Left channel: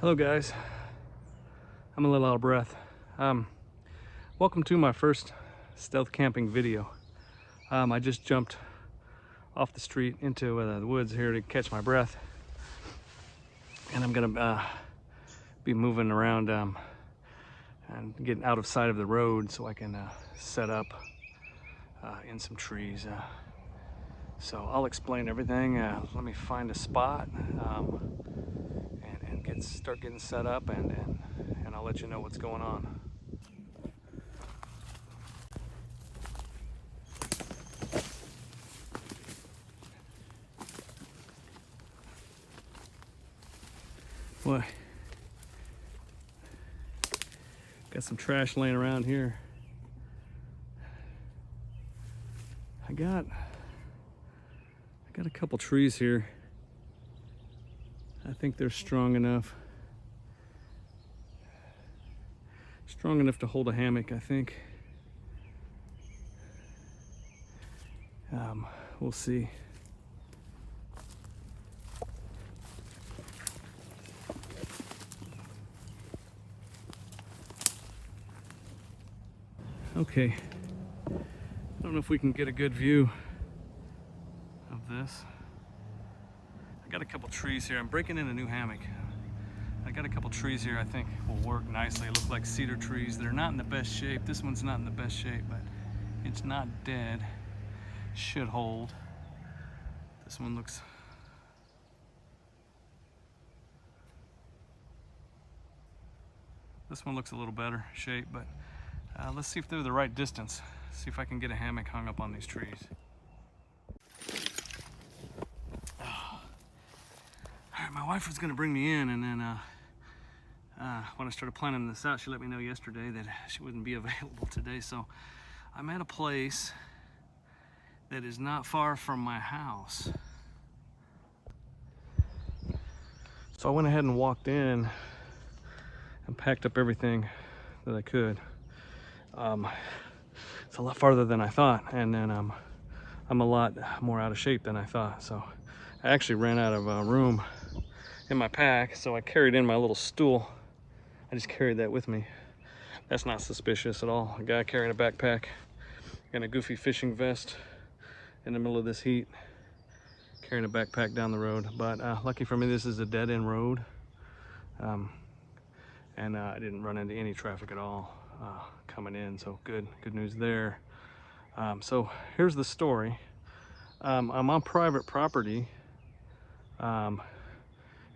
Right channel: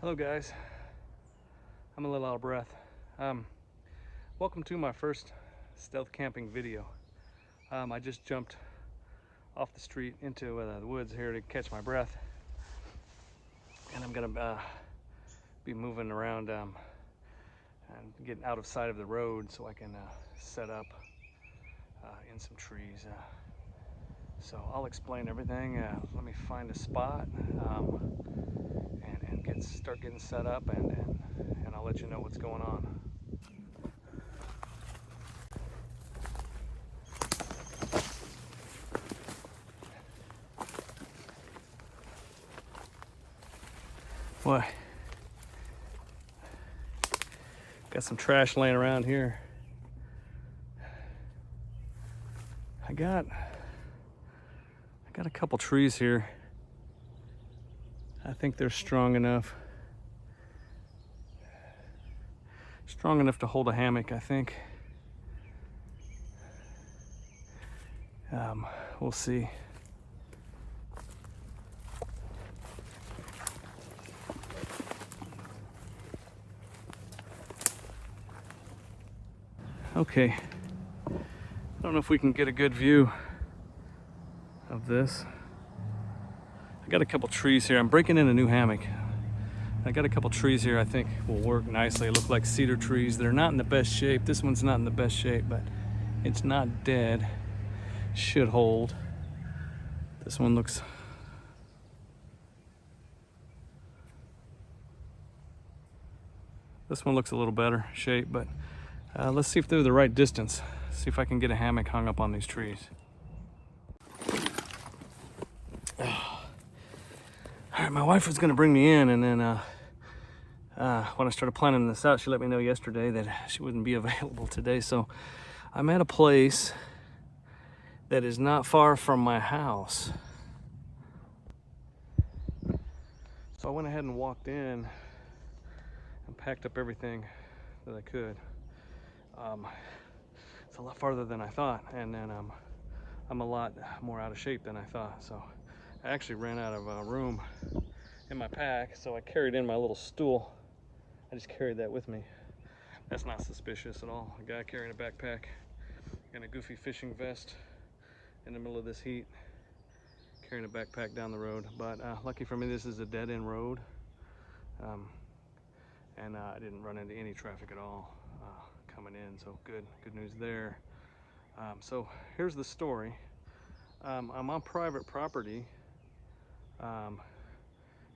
Hello guys, I'm a little out of breath. Welcome to my first stealth camping video. I just jumped off the street into the woods here to catch my breath, and I'm gonna be moving around and getting out of sight of the road so I can set up in some trees. So I'll explain everything. Let me find a spot and start getting set up, and I'll let you know what's going on. Boy, got some trash laying around here. I got a couple trees here. I think they're strong enough to hold a hammock, I think. We'll see. Okay, I don't know if we can get a good view of this. I got a couple trees here. I'm breaking in a new hammock. I got a couple trees here I think will work nicely. They look like cedar trees. They're not in the best shape. This one's not in the best shape, but it's not dead. Should hold. This one looks a little better shape, but let's see if they're the right distance. See if I can get a hammock hung up on these trees. All right, my wife was gonna bring me in, and then when I started planning this out, she let me know yesterday that she wouldn't be available today. So I'm at a place that is not far from my house. So I went ahead and walked in and packed up everything that I could. It's a lot farther than I thought, and then I'm a lot more out of shape than I thought. So I actually ran out of room in my pack, so I carried in my little stool. I just carried that with me. That's not suspicious at all. A guy carrying a backpack and a goofy fishing vest in the middle of this heat, carrying a backpack down the road. But lucky for me, this is a dead-end road, and I didn't run into any traffic at all coming in, so good news there. So here's the story. I'm on private property.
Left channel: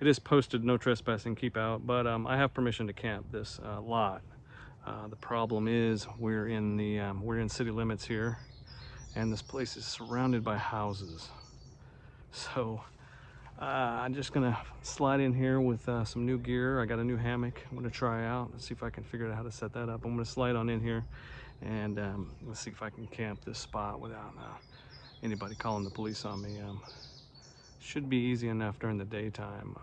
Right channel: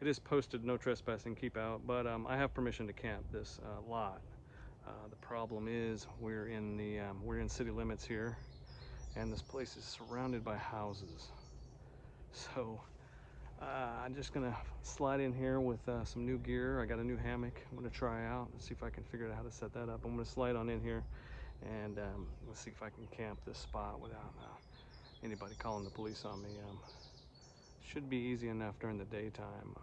It is posted no trespassing, keep out, but I have permission to camp this lot. The problem is we're in city limits here, and this place is surrounded by houses. So I'm just gonna slide in here with some new gear. I got a new hammock I'm gonna try out and see if I can figure out how to set that up. I'm gonna slide on in here, and let's see if I can camp this spot without anybody calling the police on me. Should be easy enough during the daytime.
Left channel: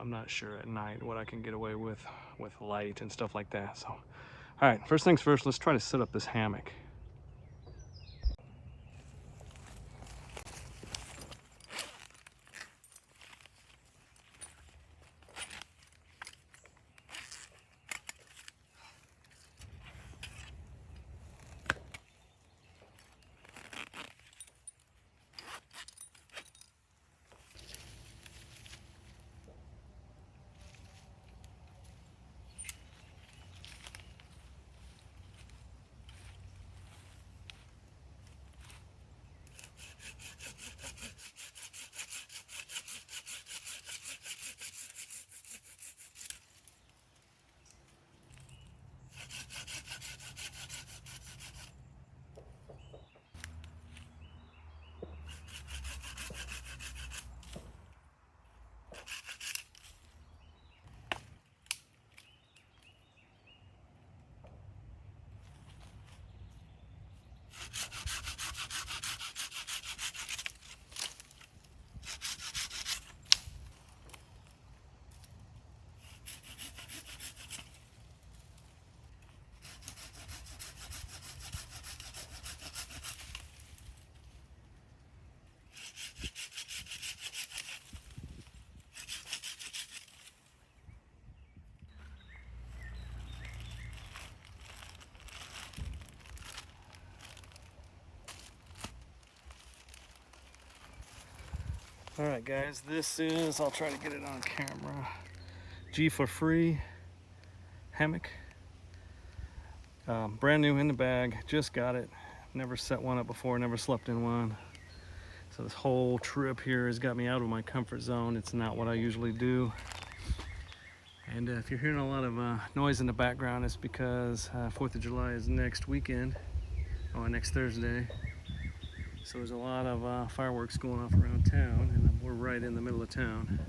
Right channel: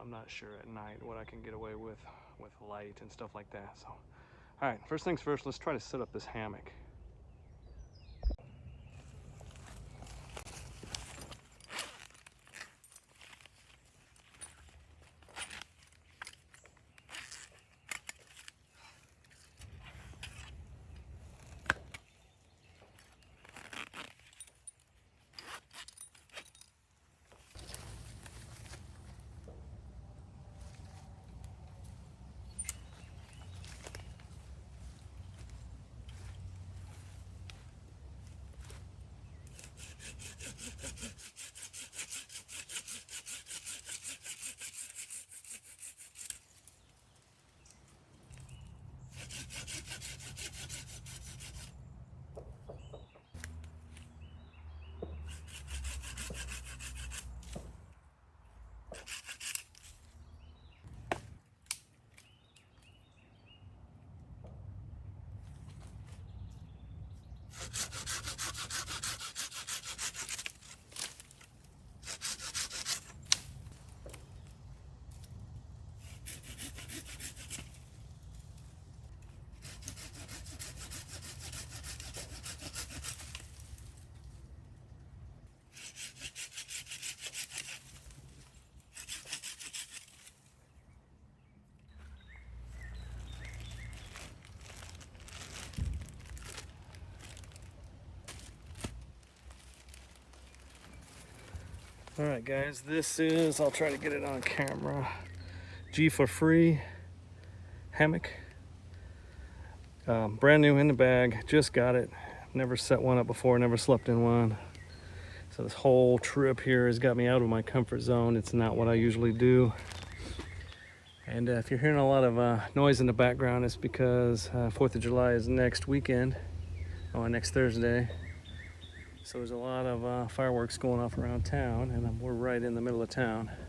I'm not sure at night what I can get away with light and stuff like that. So, all right, first things first, let's try to set up this hammock. All right, guys, this is, I'll try to get it on camera, G for free hammock. Brand new in the bag, just got it. Never set one up before, never slept in one. So this whole trip here has got me out of my comfort zone. It's not what I usually do. And if you're hearing a lot of noise in the background, it's because 4th of July is next weekend, or next Thursday. So there's a lot of fireworks going off around town, and we're right in the middle of town.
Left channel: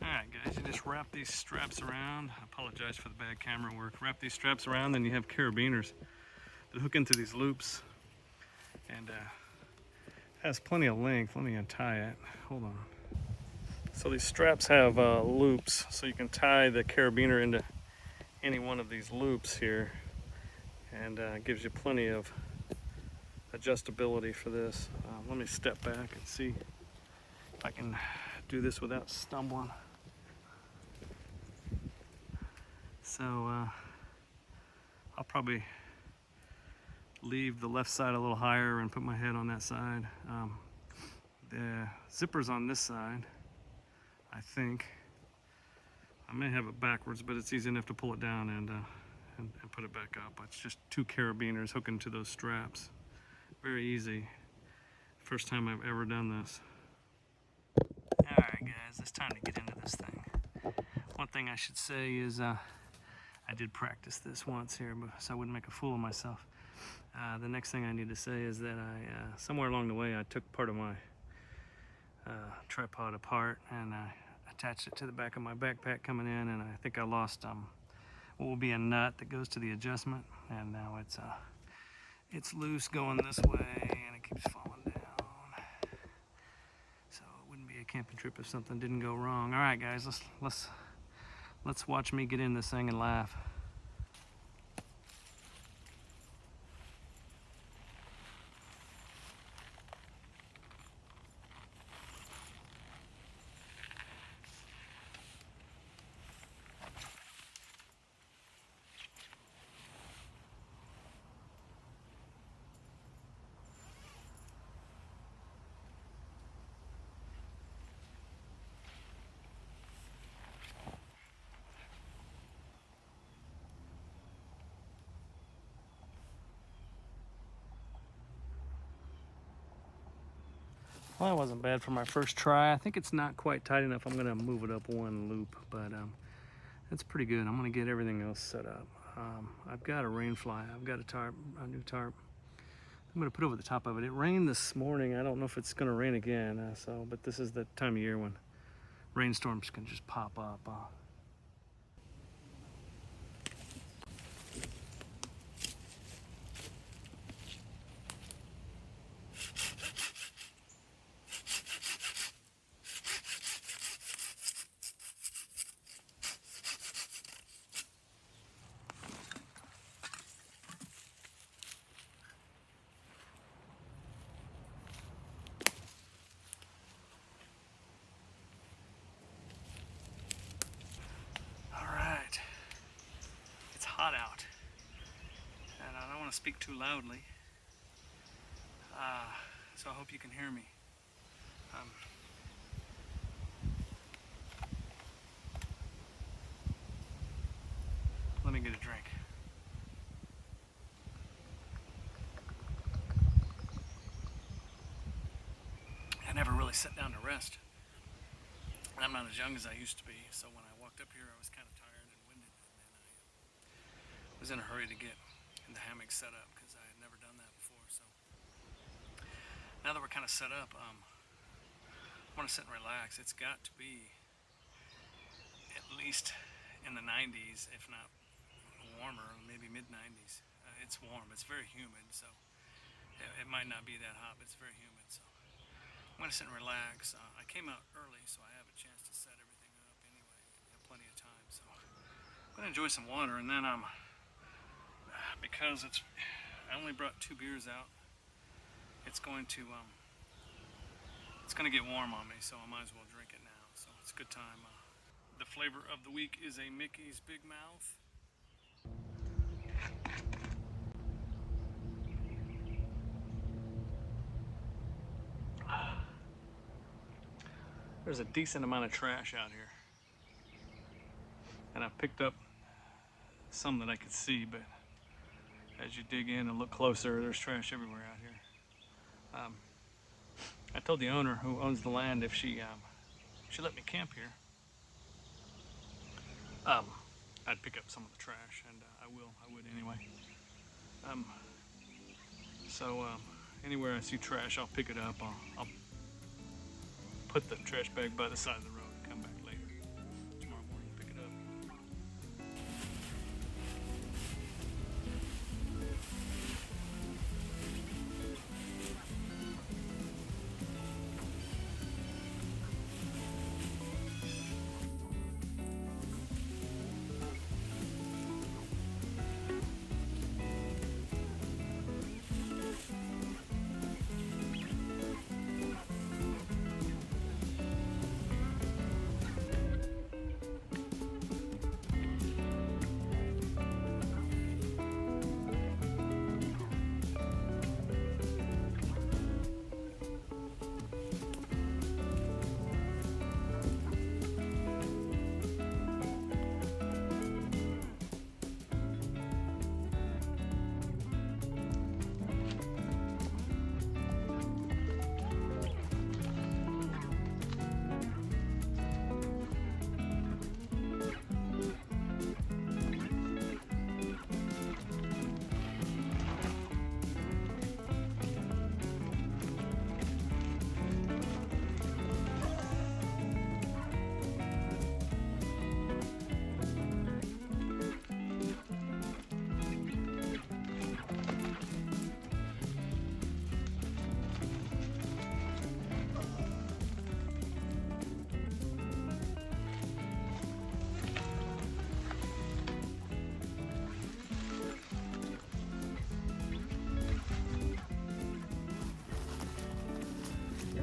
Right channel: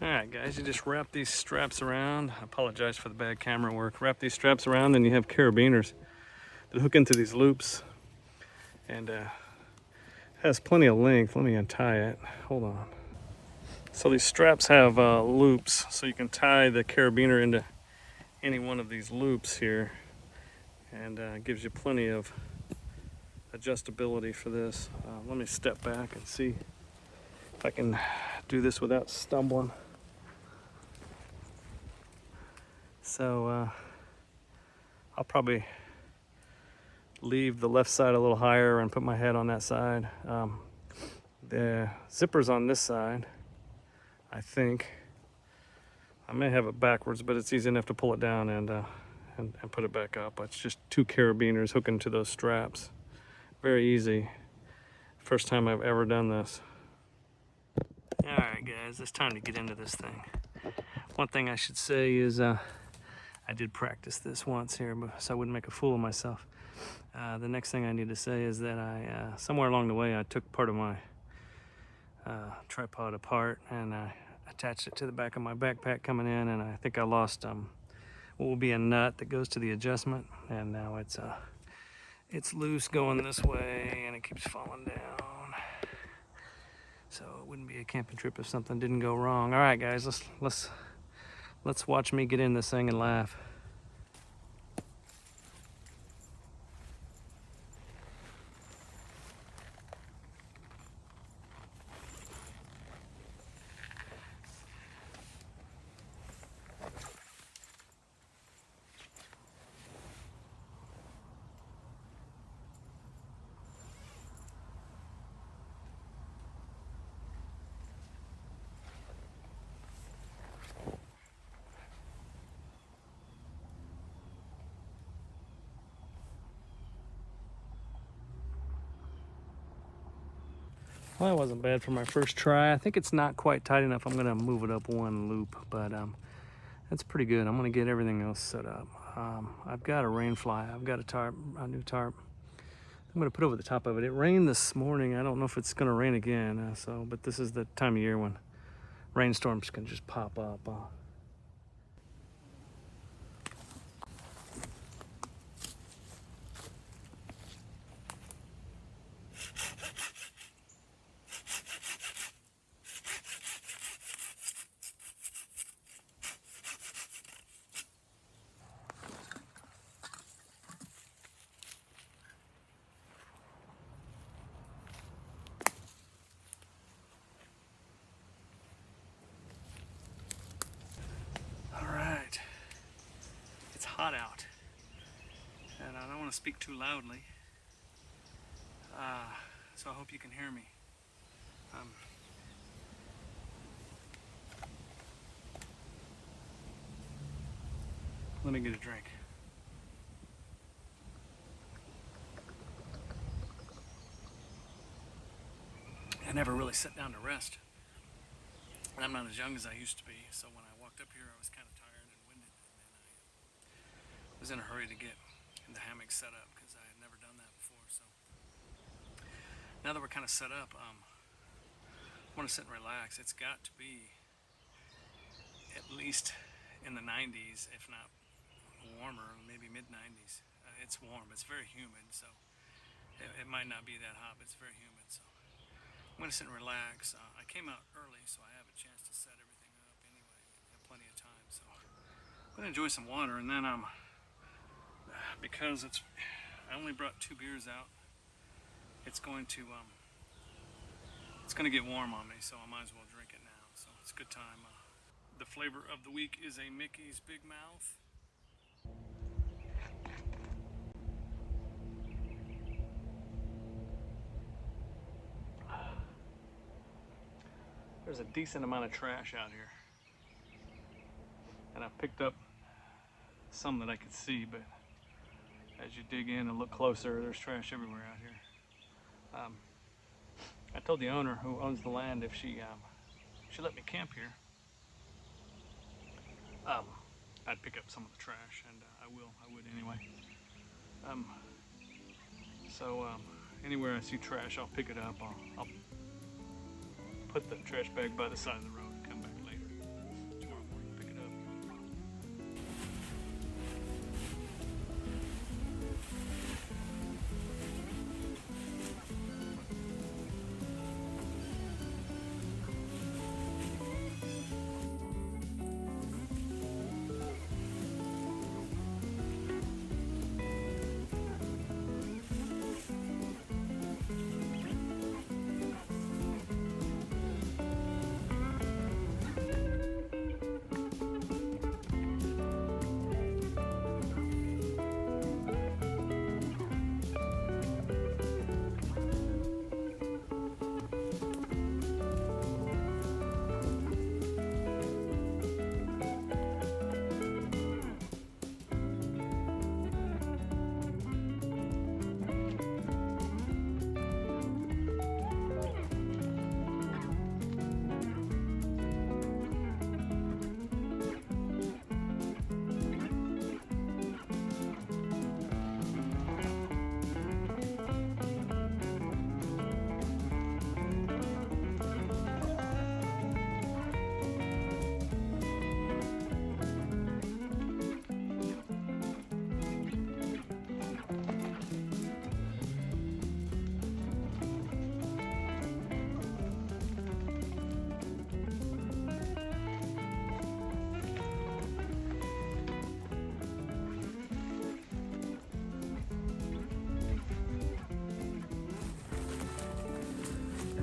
All right, guys, you just wrap these straps around. I apologize for the bad camera work. Wrap these straps around, then you have carabiners that hook into these loops, and has plenty of length. Let me untie it. Hold on. So these straps have loops, so you can tie the carabiner into any one of these loops here, and it gives you plenty of adjustability for this. Let me step back and see if I can do this without stumbling. So I'll probably leave the left side a little higher and put my head on that side. The zipper's on this side, I think. I may have it backwards, but it's easy enough to pull it down and put it back up. It's just 2 carabiners hooking to those straps. Very easy. First time I've ever done this. All right, guys, it's time to get into this thing. One thing I should say is I did practice this once here, so I wouldn't make a fool of myself. The next thing I need to say is that somewhere along the way, I took part of my tripod apart and I attached it to the back of my backpack coming in, and I think I lost what will be a nut that goes to the adjustment, and now it's loose going this way and it keeps falling down. So it wouldn't be a camping trip if something didn't go wrong. All right, guys, let's watch me get in this thing and laugh. Well, that wasn't bad for my first try. I think it's not quite tight enough. I'm gonna move it up 1 loop, but that's pretty good. I'm gonna get everything else set up. I've got a rain fly. I've got a tarp, a new tarp. I'm gonna put over the top of it. It rained this morning. I don't know if it's gonna rain again. But this is the time of year when rainstorms can just pop up. Hot out, and I don't want to speak too loudly, so I hope you can hear me. Let me get a drink. I never really sat down to rest. And I'm not as young as I used to be, so when I walked up here, I was kind of tired and winded, and then I was in a hurry to get the hammock set up because I had never done that before. So now that we're kind of set up, I want to sit and relax. It's got to be at least in the 90s, if not warmer, maybe mid 90s. It's warm. It's very humid, so it might not be that hot, but it's very humid. So I'm gonna sit and relax. I came out early, so I have a chance to set everything up anyway. I have plenty of time, so I'm gonna enjoy some water, and then because I only brought 2 beers out. It's going to get warm on me, so I might as well drink it now. So it's a good time. The flavor of the week is a Mickey's Big Mouth. There's a decent amount of trash out here, and I picked up some that I could see, but as you dig in and look closer, there's trash everywhere out here. I told the owner who owns the land if she let me camp here, I'd pick up some of the trash, and I would anyway. So anywhere I see trash, I'll pick it up. I'll put the trash bag by the side of the road and come back later. Tomorrow morning, pick it up.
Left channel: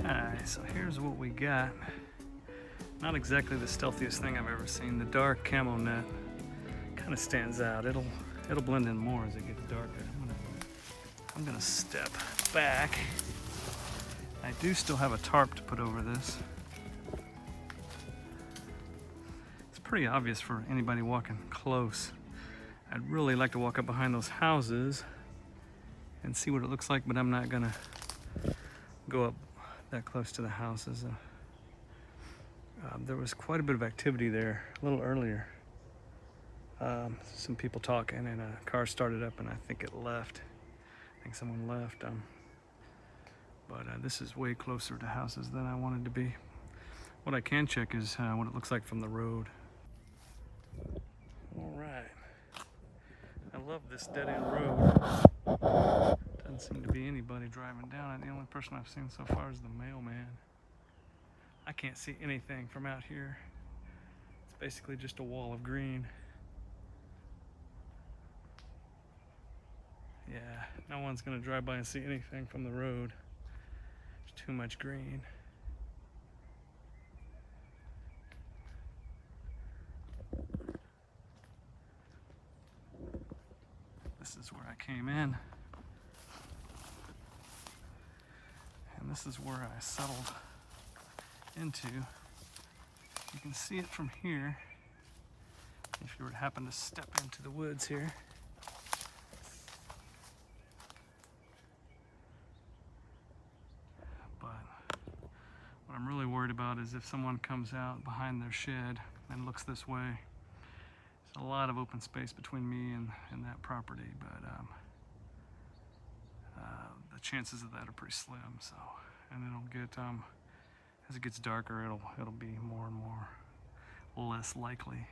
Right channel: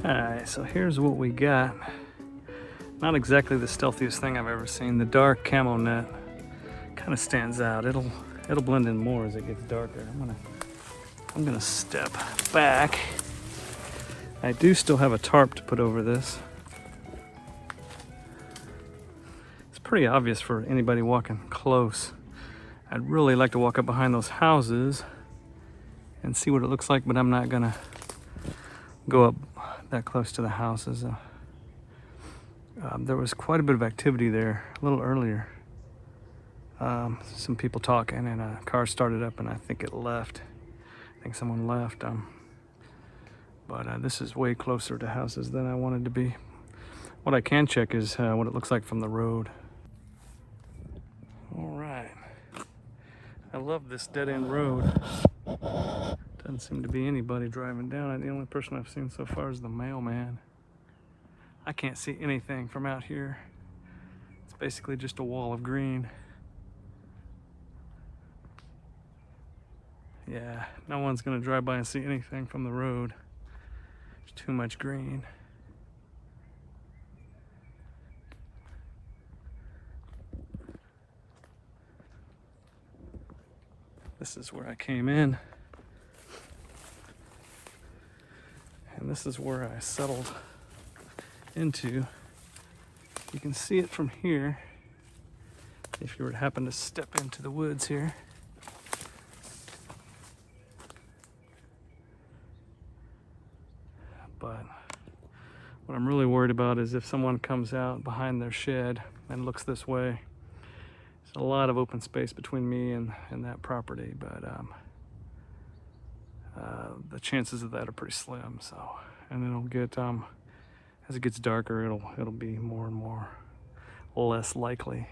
Alright, so here's what we got. Not exactly the stealthiest thing I've ever seen. The dark camo net kind of stands out. It'll blend in more as it gets darker. I'm gonna step back. I do still have a tarp to put over this. It's pretty obvious for anybody walking close. I'd really like to walk up behind those houses and see what it looks like, but I'm not gonna go up that close to the houses. There was quite a bit of activity there a little earlier. Some people talking, and a car started up, and I think it left. I think someone left. But this is way closer to houses than I wanted to be. What I can check is what it looks like from the road. All right. I love this dead-end road. Doesn't seem to be anybody driving down it. The only person I've seen so far is the mailman. I can't see anything from out here. It's basically just a wall of green. Yeah, no one's gonna drive by and see anything from the road. It's too much green. This is where I came in. And this is where I settled into. You can see it from here if you were to happen to step into the woods here. But What I'm really worried about is if someone comes out behind their shed and looks this way. There's a lot of open space between me and that property, but the chances of that are pretty slim. So, and it'll get as it gets darker, it'll be more and more less likely.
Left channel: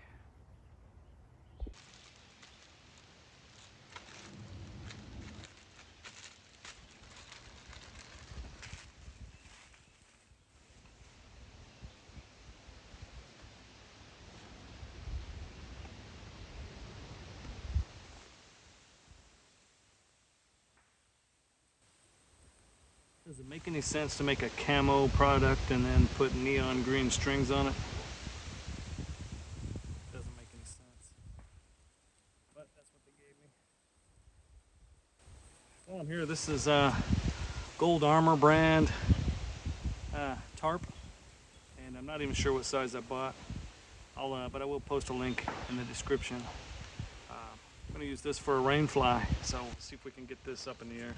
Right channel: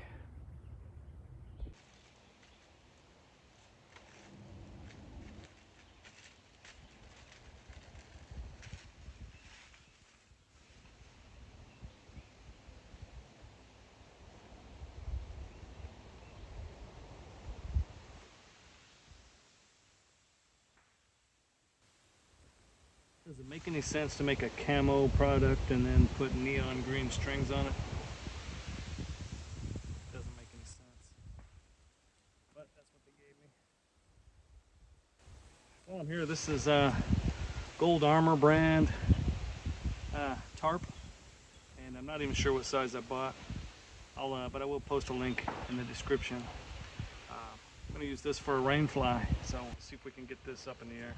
Does it make any sense to make a camo product and then put neon green strings on it? Doesn't make any sense. But that's what they gave me. While I'm here, this is Gold Armor brand tarp. And I'm not even sure what size I bought. But I will post a link in the description. I'm going to use this for a rain fly. So we'll see if we can get this up in the air.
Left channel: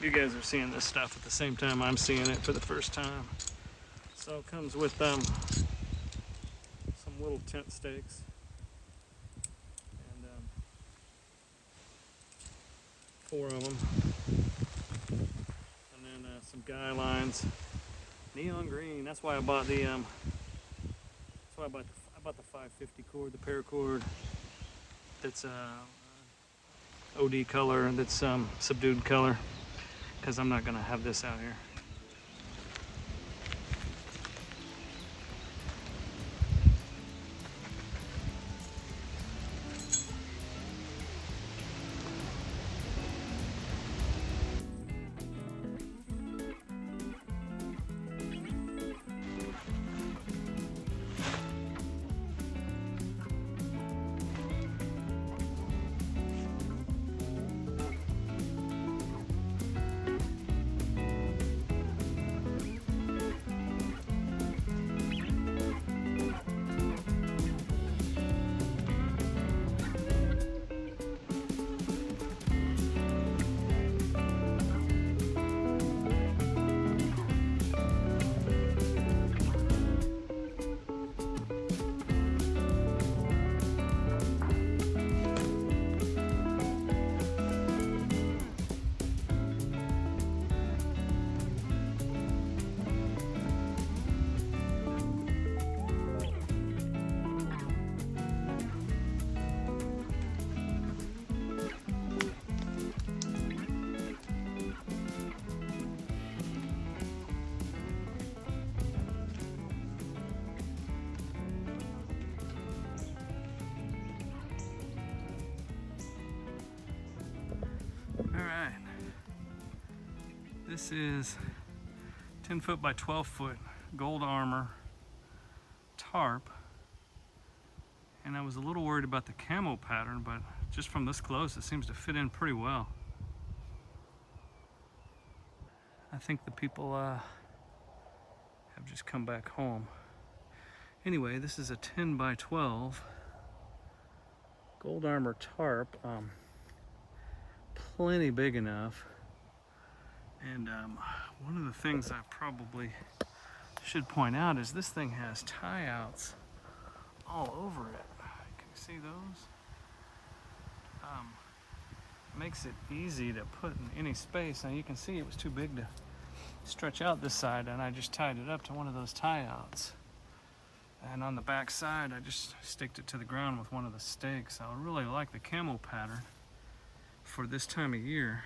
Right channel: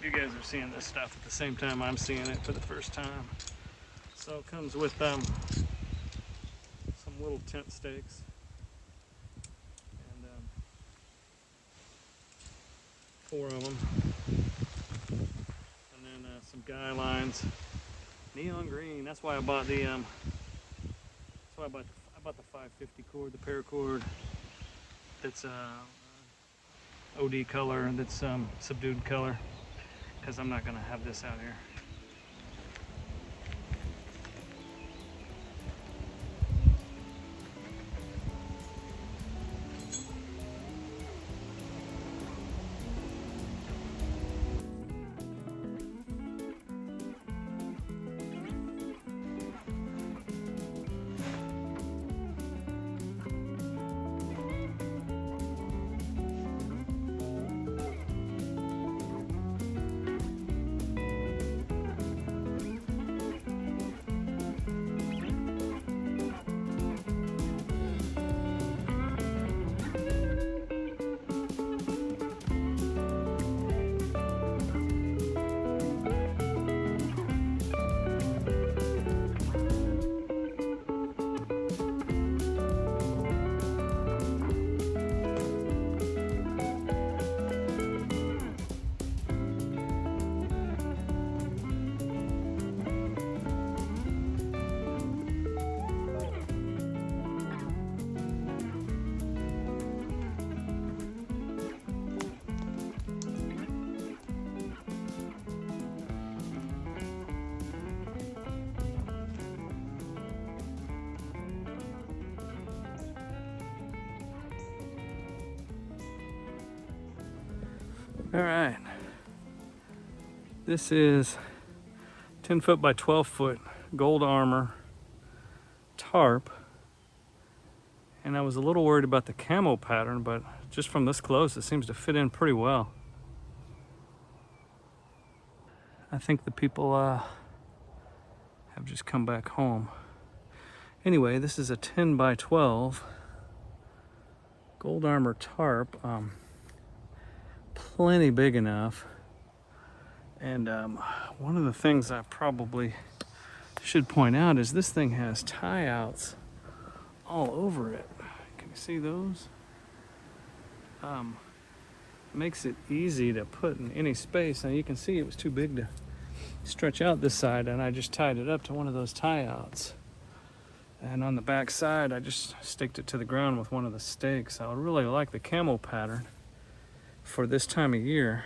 You guys are seeing this stuff at the same time I'm seeing it for the first time. So it comes with some little tent stakes and 4 of them, and then some guy lines, neon green. That's why I bought the I bought the 550 cord, the paracord. That's OD color and that's subdued color, because I'm not gonna have this out here. All right, this is 10 foot by 12 foot Gold Armor tarp, and I was a little worried about the camo pattern, but just from this close it seems to fit in pretty well. I think the people have just come back home. Anyway, this is a 10 by 12 Gold Armor tarp. Plenty big enough, and one of the things I probably should point out is this thing has tie outs all over it. Can you see those? Makes it easy to put in any space. Now you can see it was too big to stretch out this side, and I just tied it up to one of those tie outs, and on the back side I just staked it to the ground with one of the stakes. I really like the camo pattern for this time of year.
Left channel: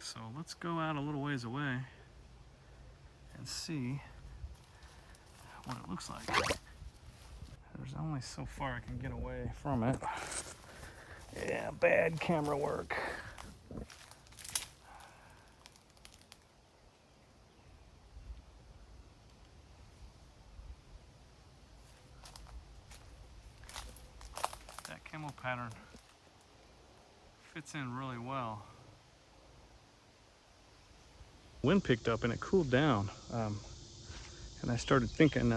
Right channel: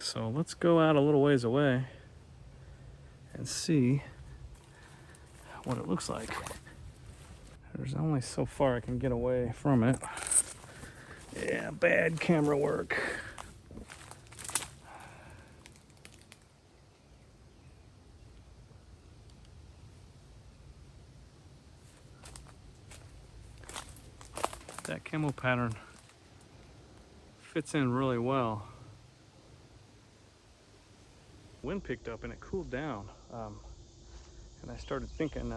So let's go out a little ways away and see what it looks like. There's only so far I can get away from it. Yeah, bad camera work. camo pattern fits in really well. Wind picked up and it cooled down, and I started thinking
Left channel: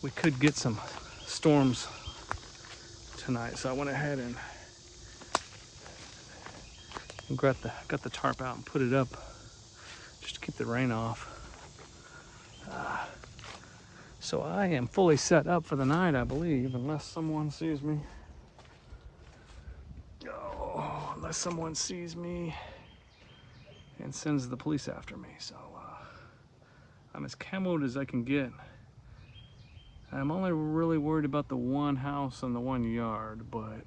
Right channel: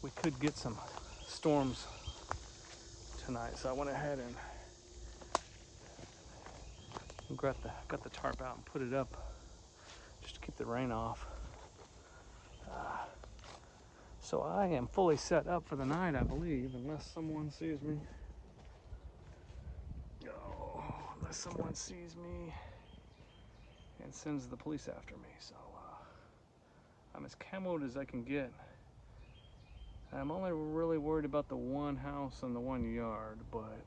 we could get some storms tonight, so I went ahead and got the tarp out and put it up just to keep the rain off. So I am fully set up for the night, I believe, unless someone sees me. Oh, unless someone sees me and sends the police after me. So I'm as camoed as I can get. I'm only really worried about the one house and the one yard, but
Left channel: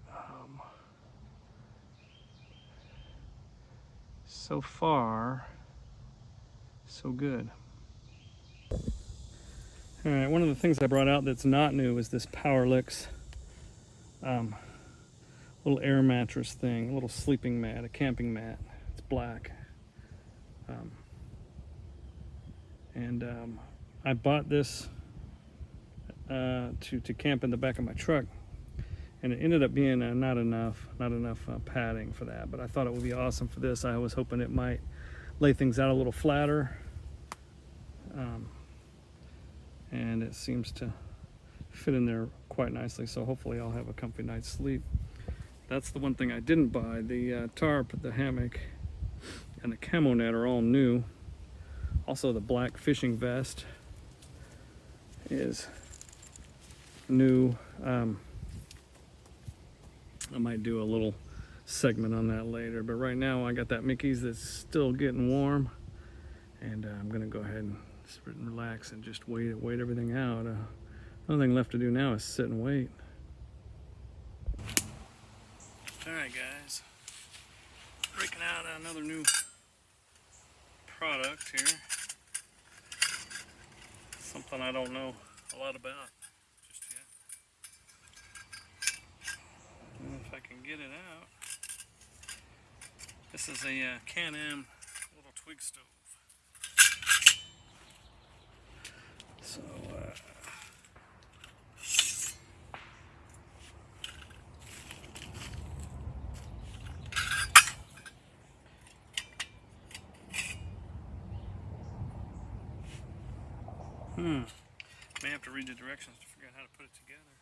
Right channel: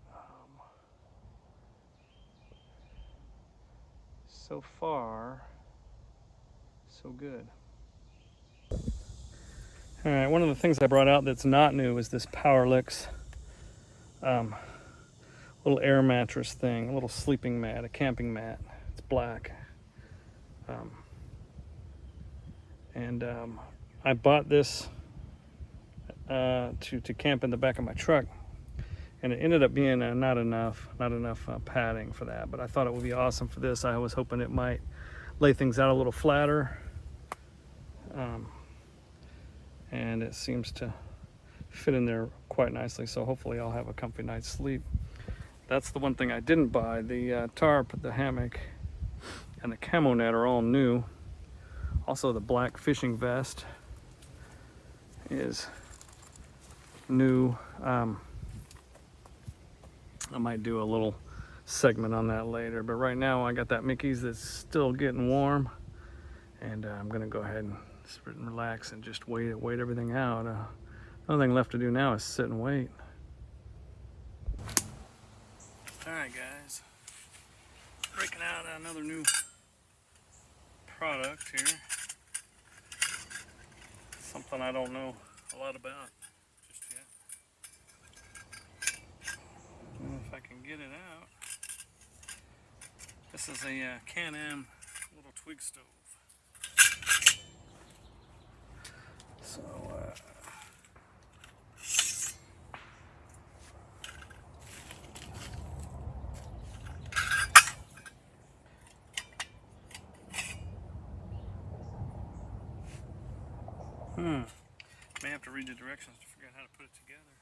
so far, so good. All right, one of the things I brought out that's not new is this Powerlix little air mattress thing, a little sleeping mat, a camping mat. It's black. I bought this to camp in the back of my truck, and it ended up being not enough padding for that, but I thought it would be awesome for this. I was hoping it might lay things out a little flatter, and it seems to fit in there quite nicely, so hopefully I'll have a comfy night's sleep. That's the one thing I didn't buy. The tarp, the hammock, and the camo net are all new. Also, the black fishing vest is new. I might do a little segment on that later, but right now I got that Mickey's that's still getting warm, and I'm gonna go ahead and sit and relax and just wait everything out. The only thing left to do now is sit and wait. All right, guys, breaking out another new product here. Something I don't know a lot about just yet. If I can get it out. This is a Can-Am little twig stove. So, may have to read the directions to figure out how to put it together.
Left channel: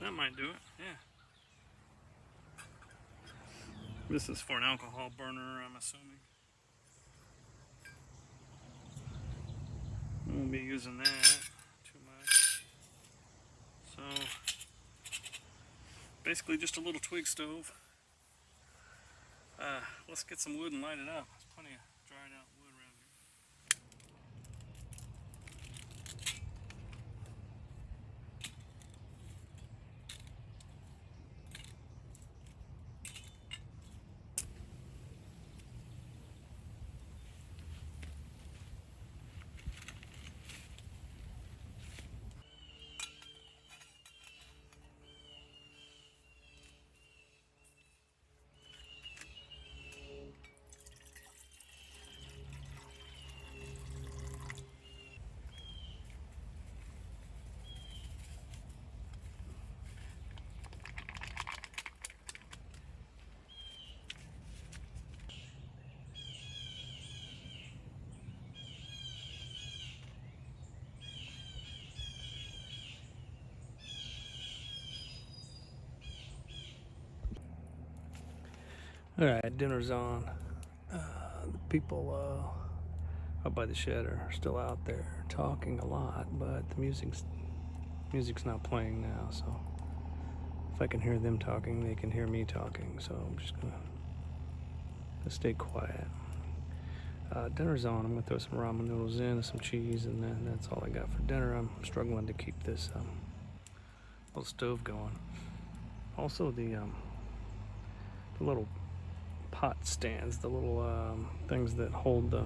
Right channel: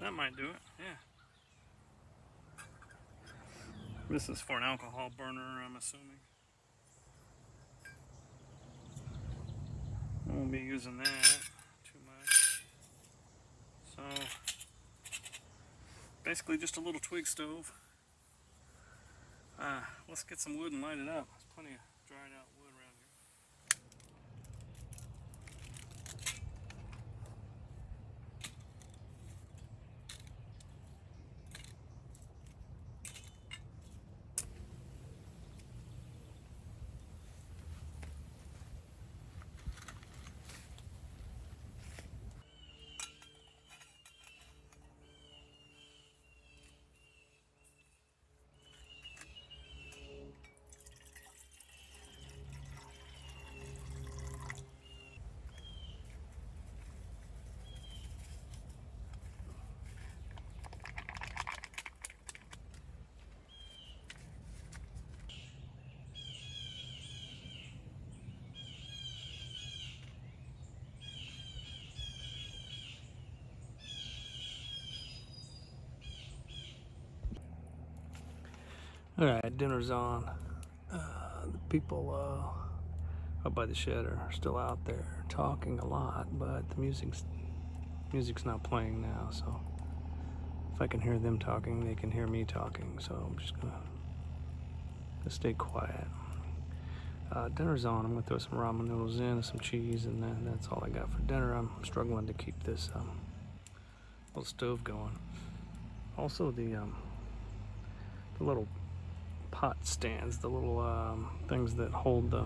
That might do it, yeah. This is for an alcohol burner, I'm assuming. I won't be using that too much. So, basically just a little twig stove. Let's get some wood and light it up. There's plenty of dried out wood around here. All right, dinner's on. The people up by the shed are still out there talking a lot, but the music's not playing now, so if I can hear them talking, they can hear me talking, so I'm just gonna stay quiet. Dinner's on. I'm gonna throw some ramen noodles in and some cheese, and then that's all I got for dinner. I'm struggling to keep this little stove going. Also, the little pot stands, the little things that hold the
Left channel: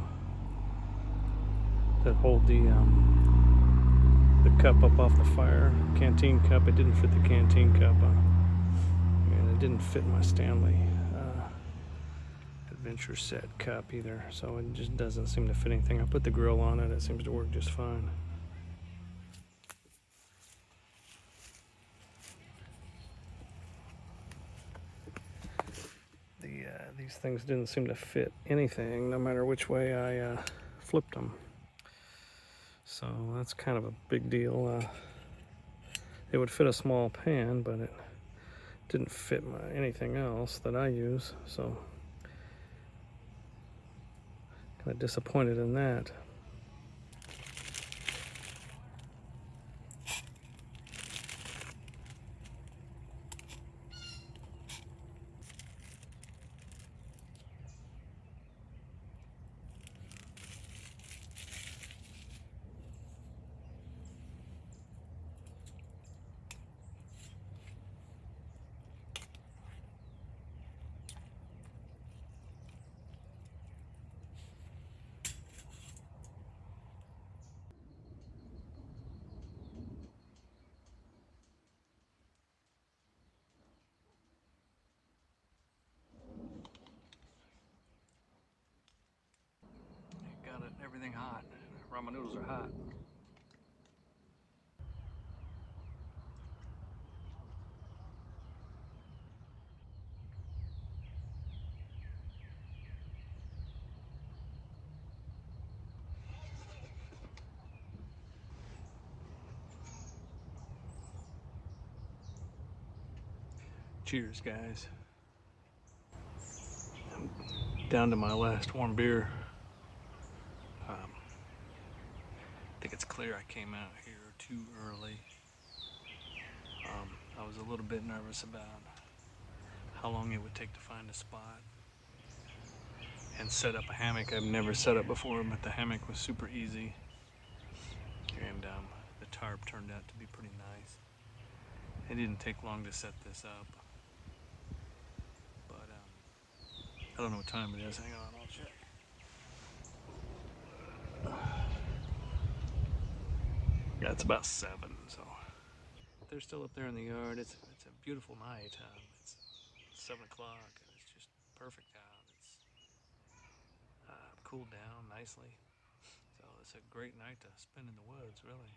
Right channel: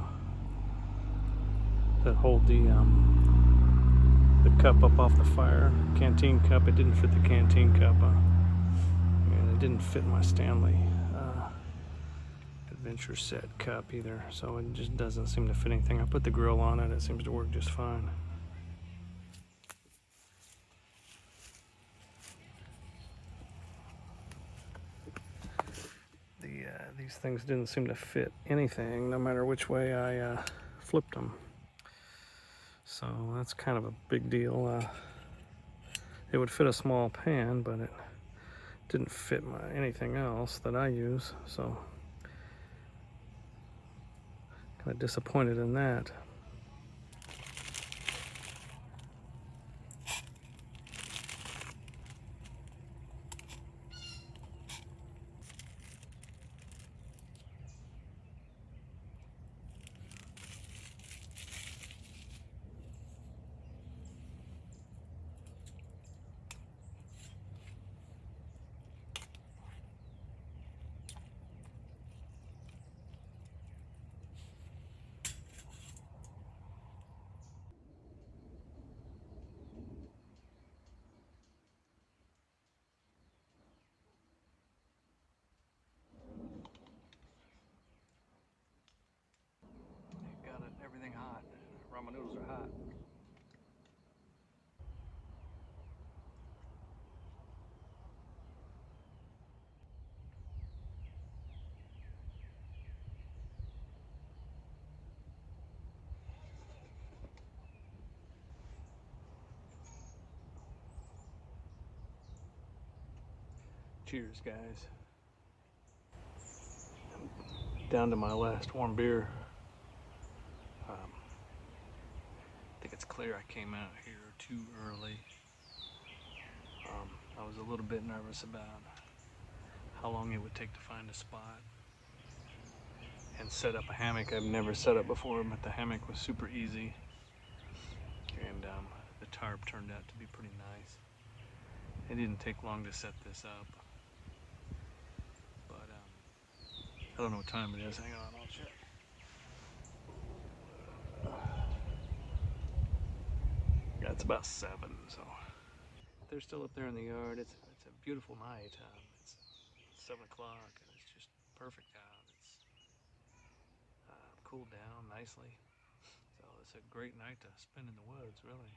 cup up off the fire. Canteen cup. It didn't fit the canteen cup, and it didn't fit my Stanley signature set cup either, so it just doesn't seem to fit anything. I put the grill on it, it seems to work just fine. These things didn't seem to fit anything, no matter which way I flipped them. So that's kind of a big deal. It would fit a small pan, but it didn't fit anything else that I use, so kind of disappointed in that. Got it, everything hot. Ramen noodles are hot. Cheers, guys. I'm down to my last warm beer. I think it's clear I came out here too early. I was a little bit nervous about how long it would take to find a spot and set up a hammock. I've never set up before, but the hammock was super easy, and the tarp turned out to be pretty nice. It didn't take long to set this up, but I don't know what time it is. Hang on, I'll check. Yeah, it's about 7, so they're still up there in the yard. It's a beautiful night. It's 7 o'clock, and it's just perfect out. It's cooled down nicely, so it's a great night to spend in the woods, really.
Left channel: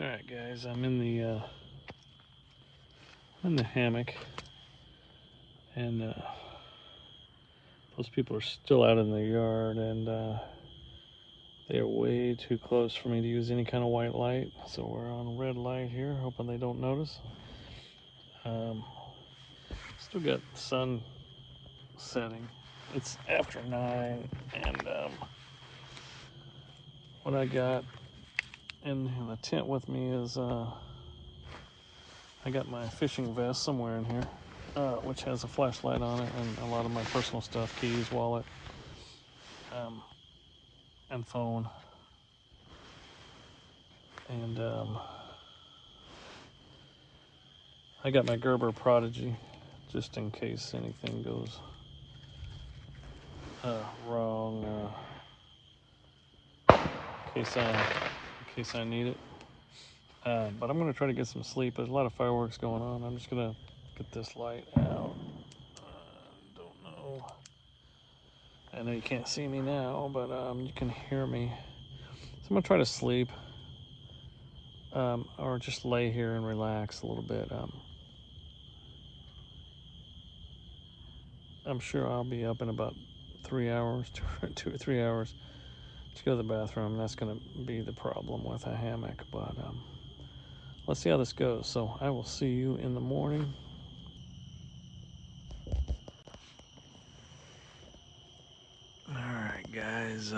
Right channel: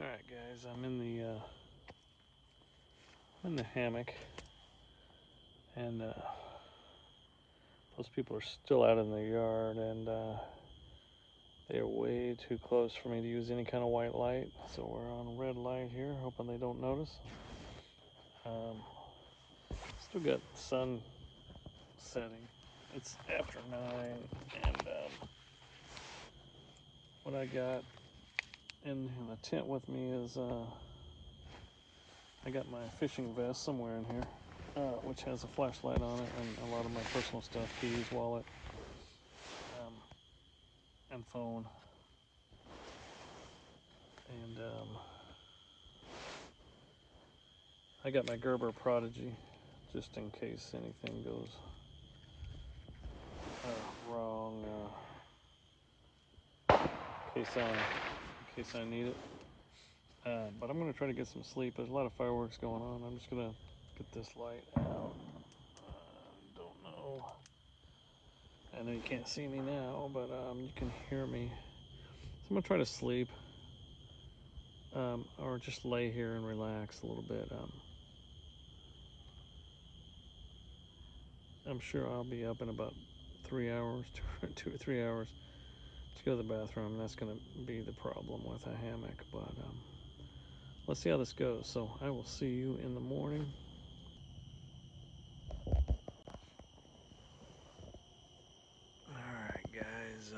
All right, guys, I'm in the hammock, and most people are still out in the yard, and they are way too close for me to use any kind of white light. So we're on red light here, hoping they don't notice. Still got the sun setting. It's after 9, and what I got in the tent with me is I got my fishing vest somewhere in here, which has a flashlight on it, and a lot of my personal stuff: keys, wallet, and phone. And I got my Gerber Prodigy, just in case anything goes wrong, in case I need it. But I'm gonna try to get some sleep. There's a lot of fireworks going on. I'm just gonna get this light out. Don't know. I know you can't see me now, but you can hear me. So I'm gonna try to sleep, or just lay here and relax a little bit. I'm sure I'll be up in about 3 hours, 2 or 3 hours to go to the bathroom. That's gonna be the problem with a hammock, but let's see how this goes. So I will see you in the morning. All right, guys.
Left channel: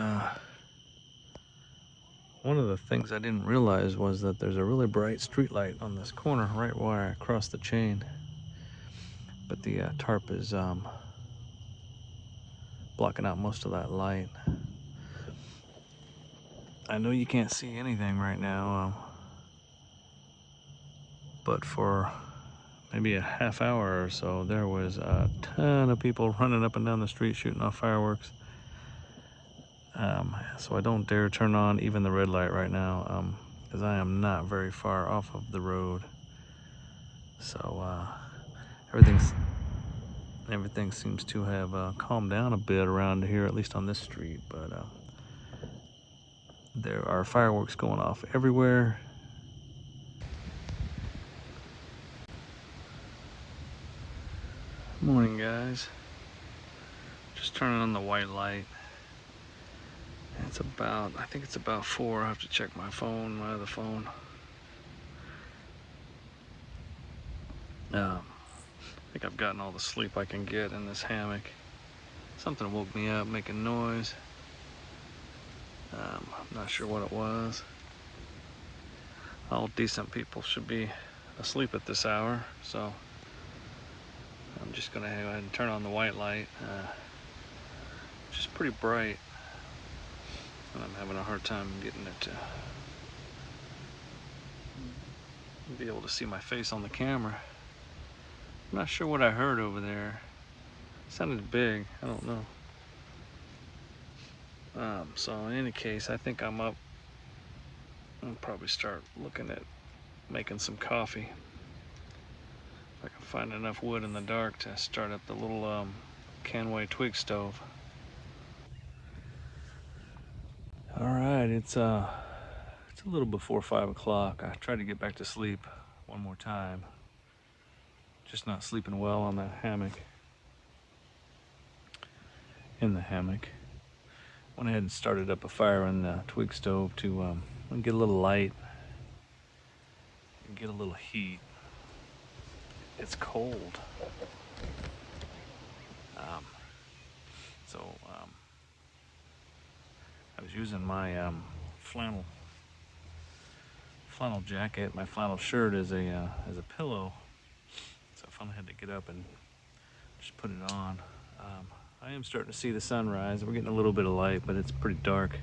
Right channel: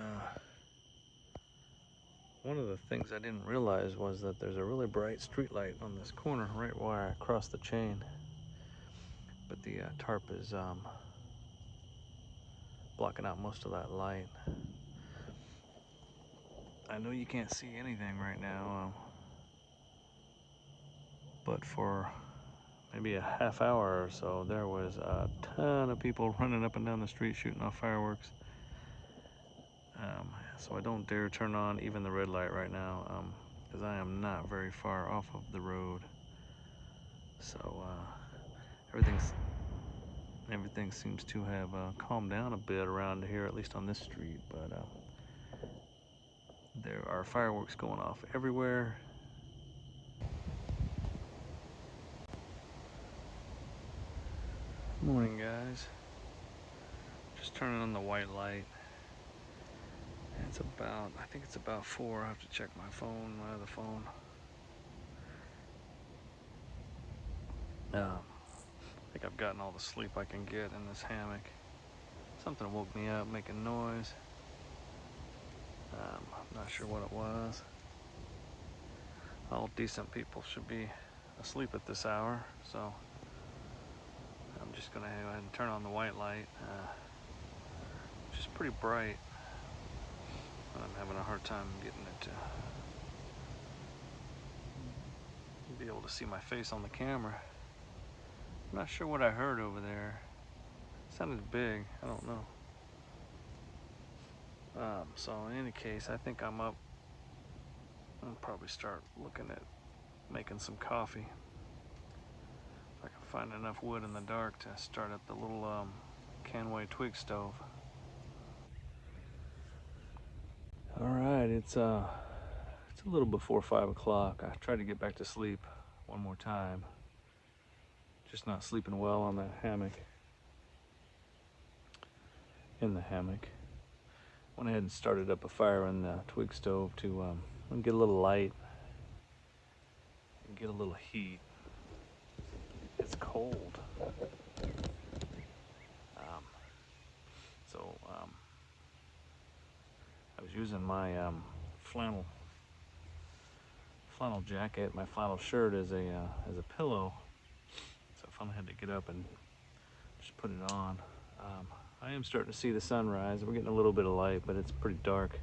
One of the things I didn't realize was that there's a really bright street light on this corner right where I crossed the chain, but the tarp is blocking out most of that light. I know you can't see anything right now, but for maybe a half hour or so, there was a ton of people running up and down the street shooting off fireworks. So I don't dare turn on even the red light right now, because I am not very far off of the road. So everything seems to have calmed down a bit around here, at least on this street. But there are fireworks going off everywhere. Morning, guys. Just turning on the white light. I think it's about 4. I have to check my phone, my other phone. I think I've gotten all the sleep I can get in this hammock. Something woke me up making noise. I'm not sure what it was. All decent people should be asleep at this hour, so I'm just gonna go ahead and turn on the white light, which is pretty bright, and I'm having a hard time getting it to be able to see my face on the camera. I'm not sure what I heard over there. It sounded big, I don't know. So in any case, I think I'm up. I'll probably start looking at making some coffee. If I can find enough wood in the dark to start up the little Canway twig stove. All right, it's a little before 5 o'clock. I tried to get back to sleep one more time. Just not sleeping well on the hammock. In the hammock. Went ahead and started up a fire in the twig stove to get a little light and get a little heat. It's cold. So I was using my flannel jacket, my flannel shirt as a pillow. So I finally had to get up and just put it on. I am starting to see the sunrise. We're getting a little bit of light, but it's pretty dark.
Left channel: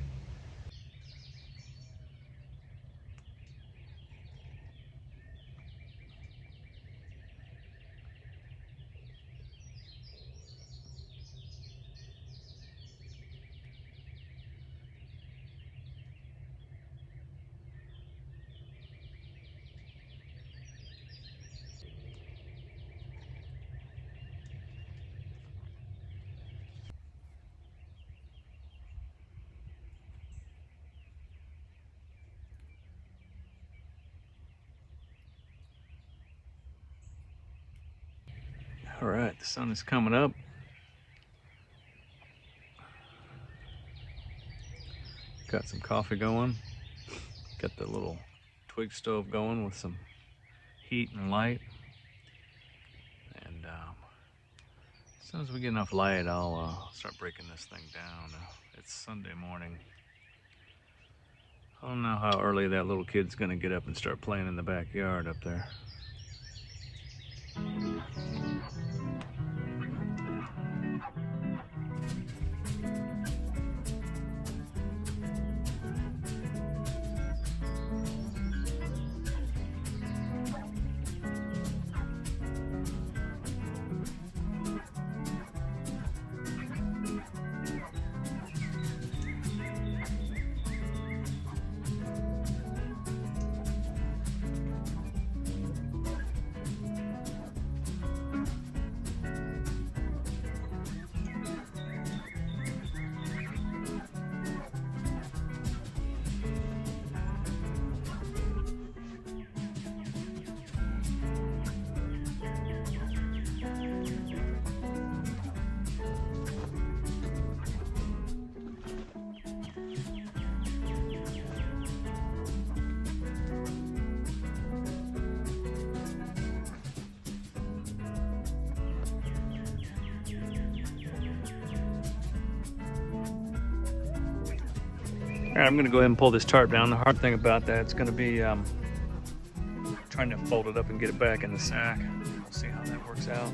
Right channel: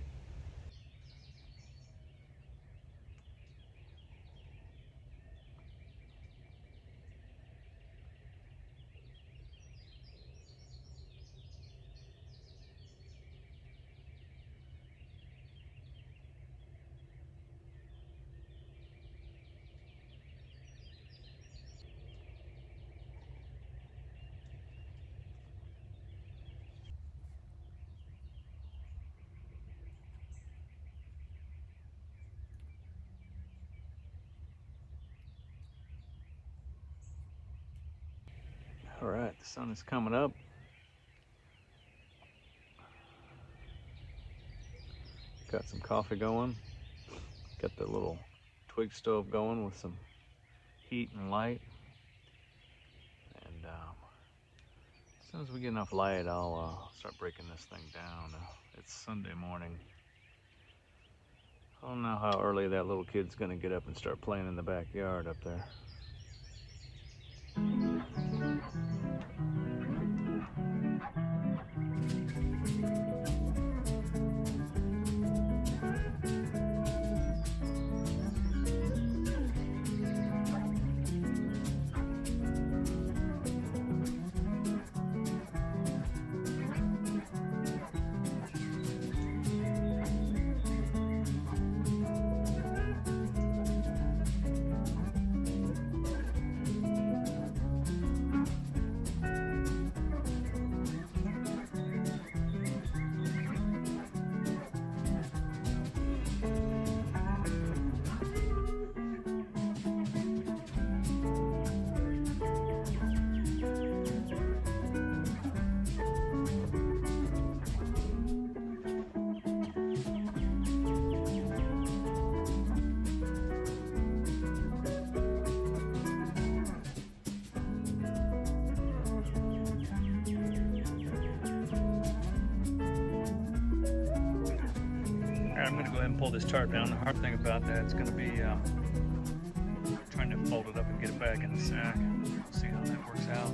All right, the sun is coming up. Got some coffee going. Got the little twig stove going with some heat and light. And as soon as we get enough light, I'll start breaking this thing down. It's Sunday morning. I don't know how early that little kid's gonna get up and start playing in the backyard up there. All right, I'm gonna go ahead and pull this tarp down. The hard thing about that is gonna be trying to fold it up and get it back in the sack. We'll see how that works out.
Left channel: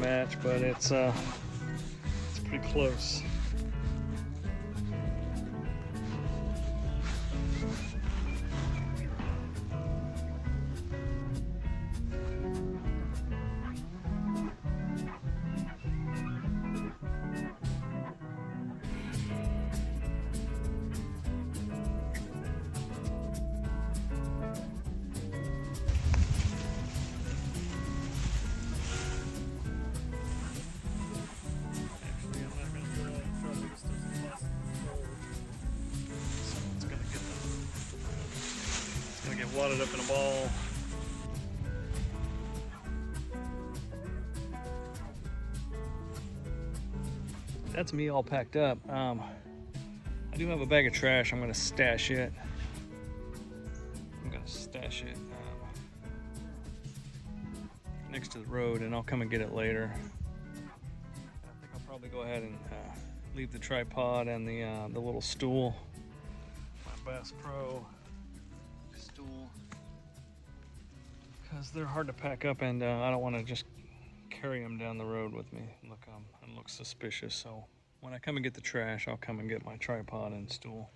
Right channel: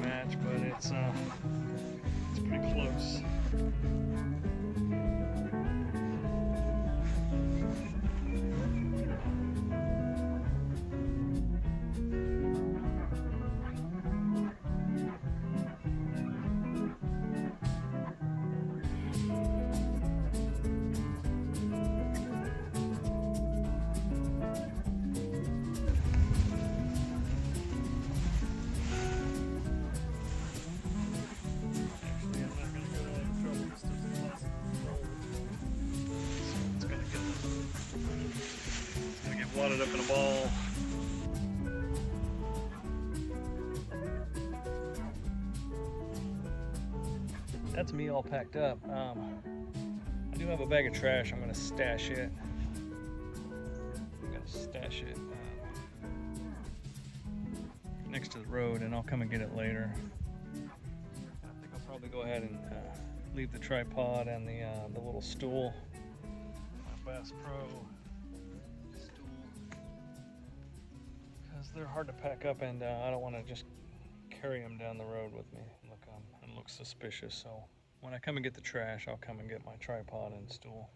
Match, but it's pretty close. Wadded up in a ball. That's me all packed up. I do have a bag of trash. I'm gonna stash it. Next to the road, and I'll come and get it later. I think I'll probably go ahead and leave the tripod and the little stool. Bass Pro. They're hard to pack up, and I don't want to just carry them down the road with me. Look, it looks suspicious. So when I come and get the trash, I'll come and get my tripod and stool.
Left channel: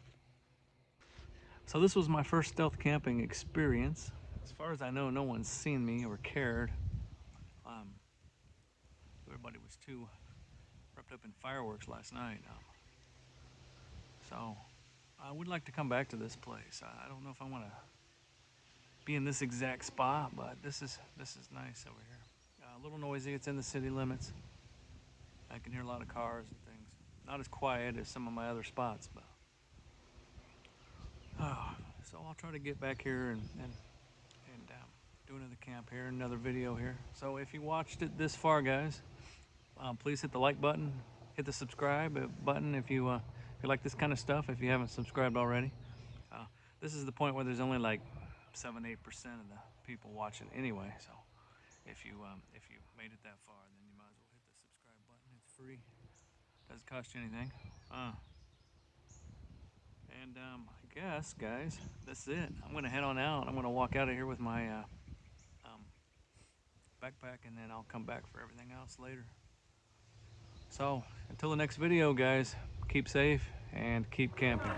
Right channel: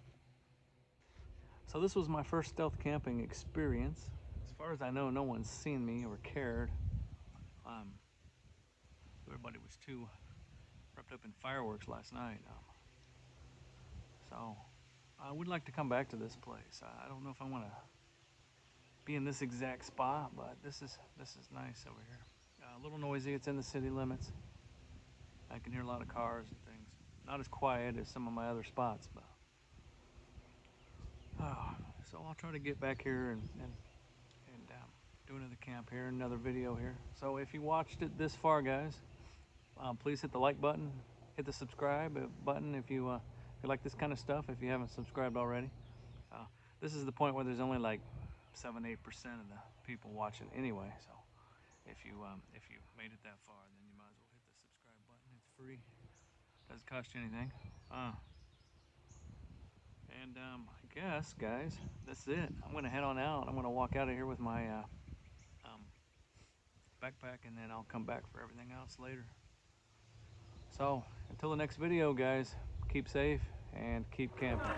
So this was my first stealth camping experience. As far as I know, no one's seen me or cared. Everybody was too wrapped up in fireworks last night. So I would like to come back to this place. I don't know if I want to be in this exact spot, but this is nice over here. A little noisy. It's in the city limits. I can hear a lot of cars and things. Not as quiet as some of my other spots, but so I'll try to get back here and do another camp here, another video here. So if you watched it this far, guys, please hit the like button, hit the subscribe button if you like this kind of stuff. If you haven't subscribed already, this is the point where there's only like 7-8% of the people watching anyway. So if you made it that far, then you might as well hit the subscribe button. It's free, doesn't cost you anything. And I guess, guys, that's it. I'm gonna head on out. I'm gonna walk out of here with my backpack, and then I'll come back for everything else later. So until the next video, guys, keep safe and keep camping.